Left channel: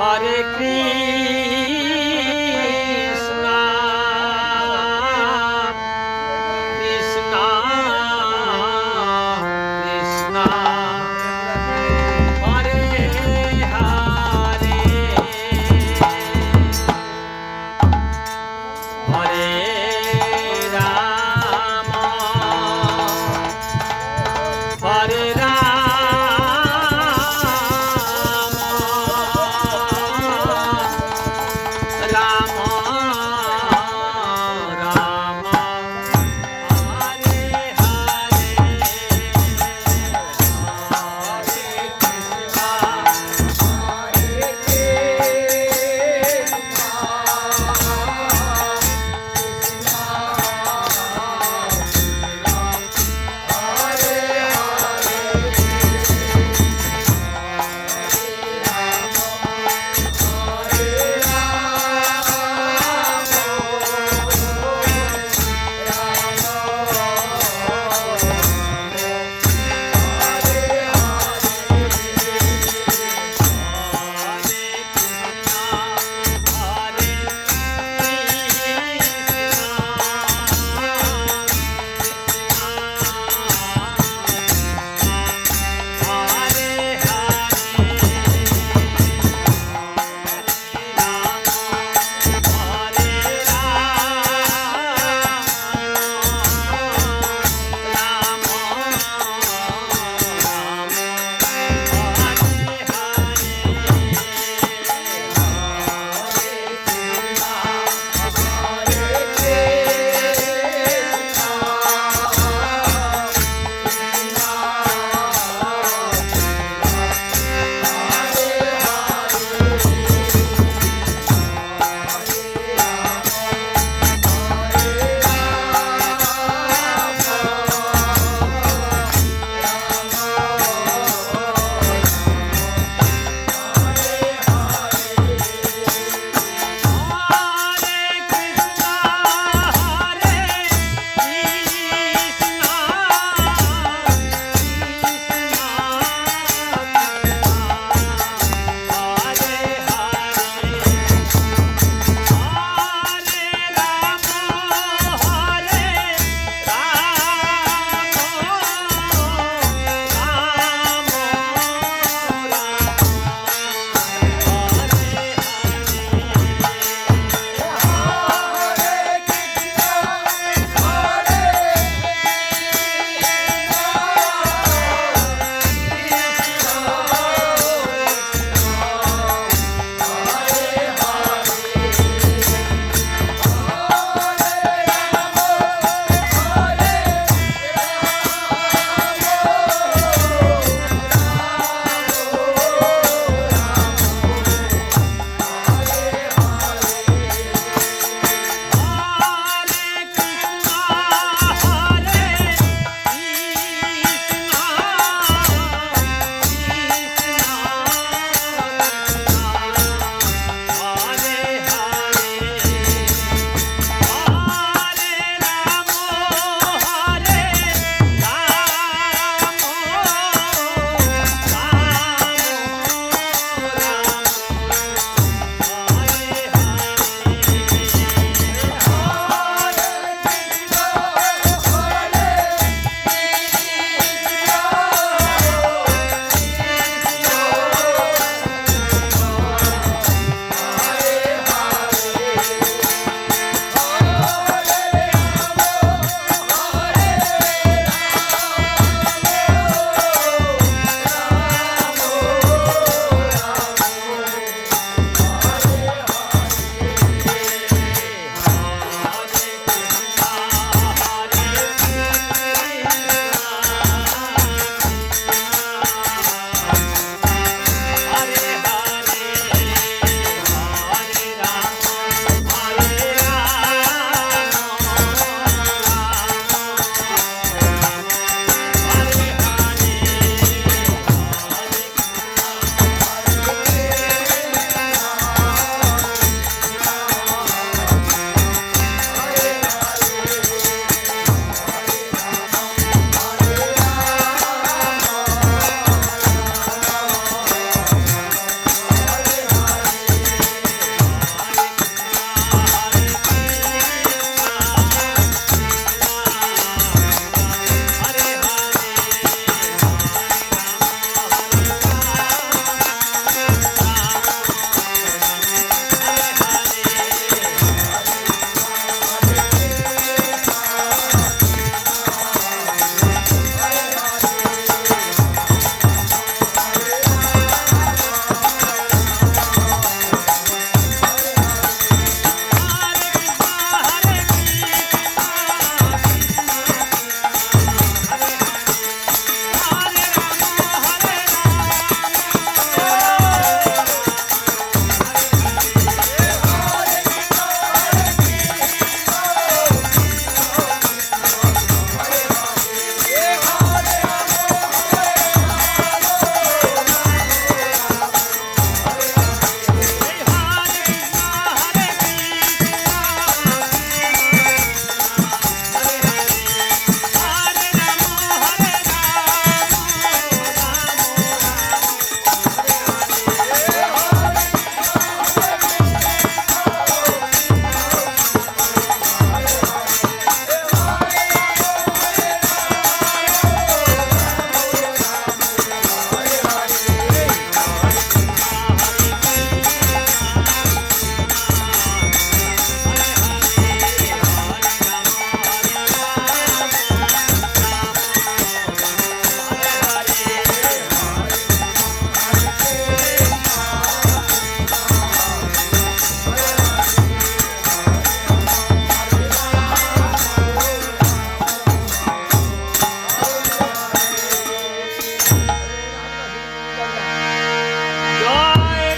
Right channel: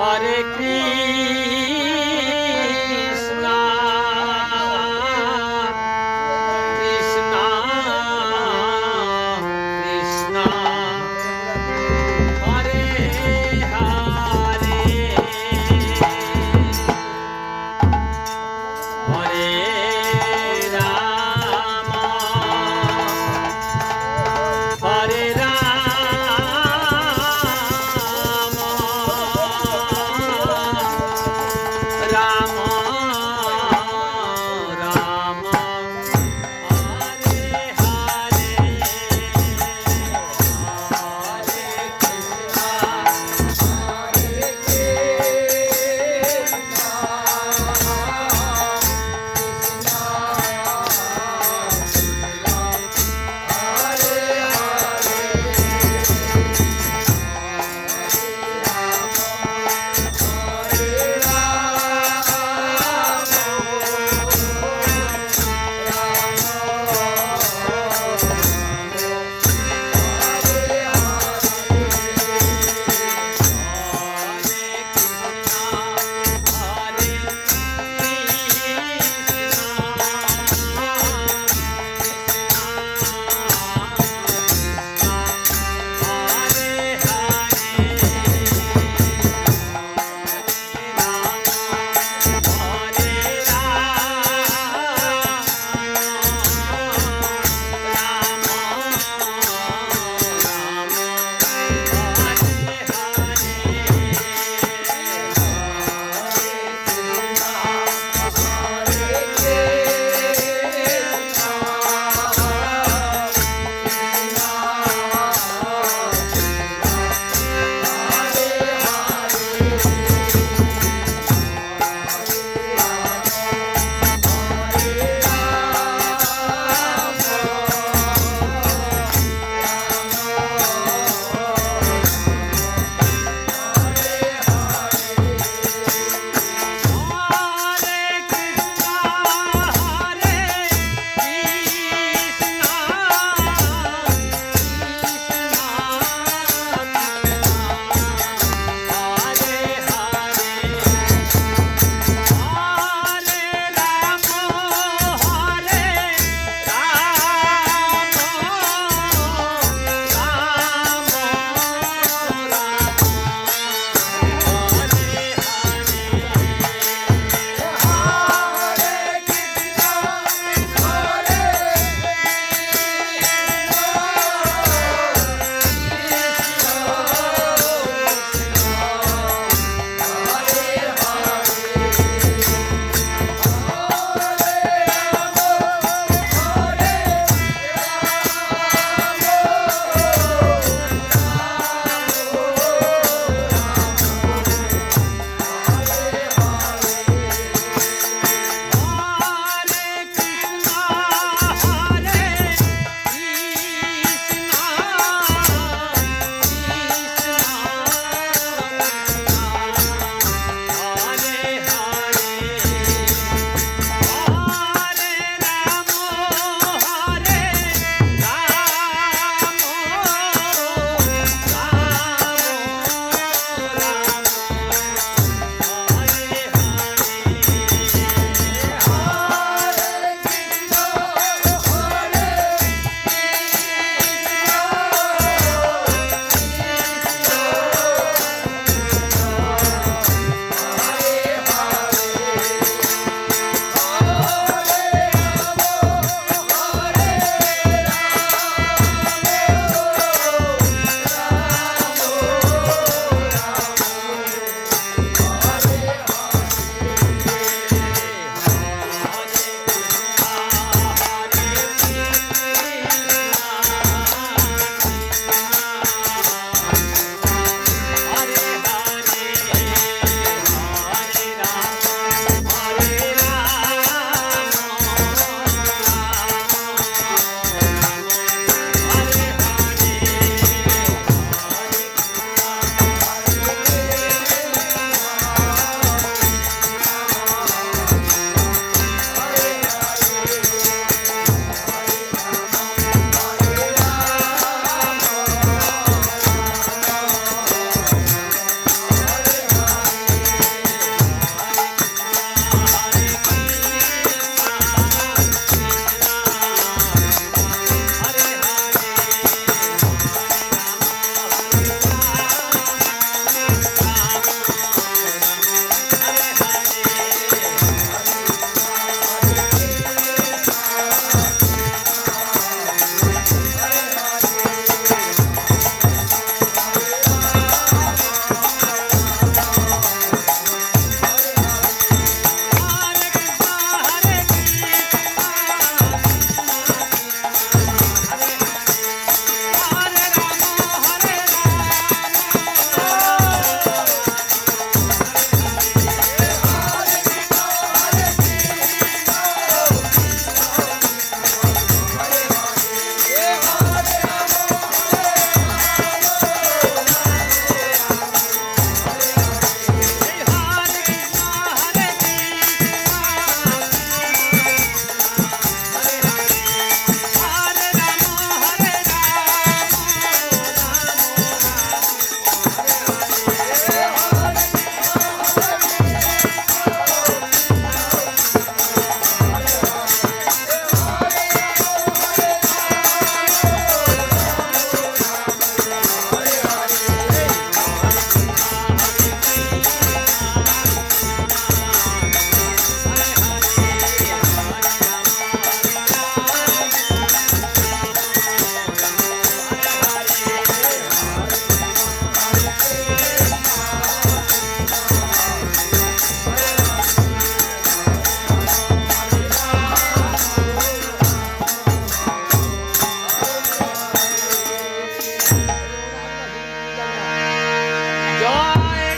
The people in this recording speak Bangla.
হরে কৃষ্ণ।